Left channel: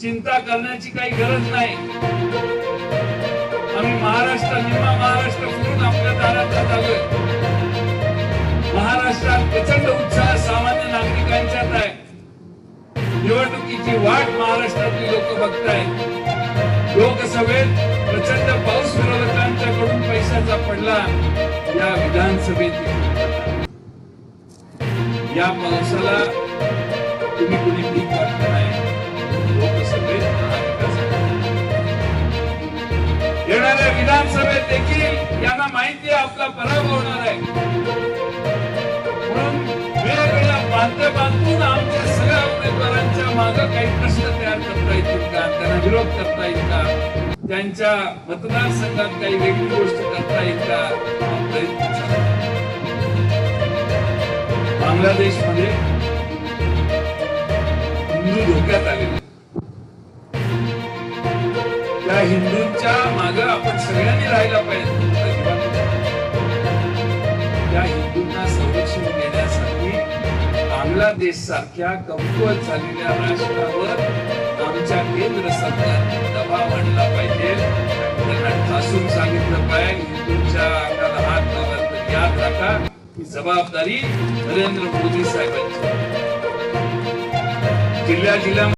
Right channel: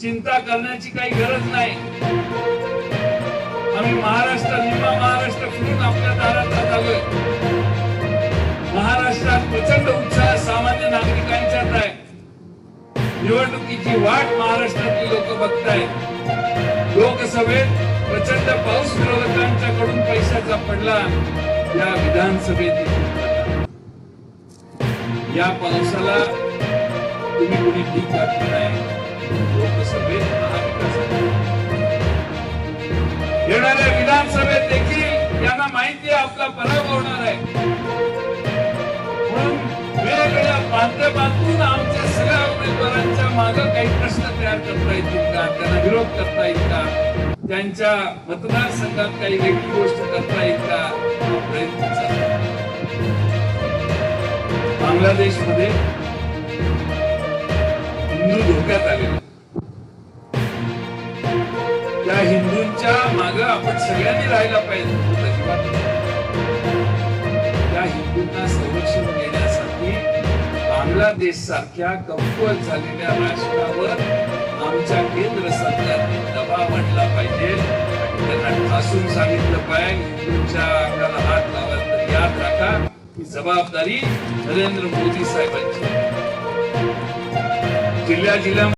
चिंता करण्याची काही गरज नाही. आम्ही महाराष्ट्र निम्मा महाराष्ट्र फिरून आपल्या दारात आलोय महाराष्ट्रात प्रचंड उत्साह सामान्य नागरिकांच्यात आहे. निवडणुकीची वाट महाराष्ट्रातली लोक बघतायत. लोकसभेत प्रचंड पाऊस विरोधकांच्याकडून पैशाचा पडला. या विधानसभेत या पावसाला तुम्ही कुणी ठीक वाटत नाही. लोकसभेत महाविकासाकडे येणाऱ्या विधानसभेत देखील यांना माहिती आहे आपला पराभव होणार आहे. म्हणून वेगवेगळ्या बांधे बांधून आमच्या सगळ्या उमेदवारांच्या माग काही प्रश्न तयार करता येतील का? त्यांना विरोध करता येईल का? त्यांच्या मतदारसंघात काही वेगळी गोष्ट करता येईल का? हा प्रयत्न बांगलादेशमध्ये हिंदू धोक्यात आलेले त्या हिंदूंच्या माग आपण सगळ्यांनी राहायला पाहिजे. त्या हिंदूंना संरक्षण देण्यासाठी बांगलादेश सारख्या कमकुवत झालेल्या राष्ट्रावर आमच्या केंद्र सरकारने दबाव आणला पाहिजे. आणि त्यांना ठासून सांगितलं पाहिजे हिंदूंच्या अंगाला हात लावला तर याद राखा ही जबाबदारी नरेंद्र मोदी साहेबांची. जिल्ह्या जिल्ह्या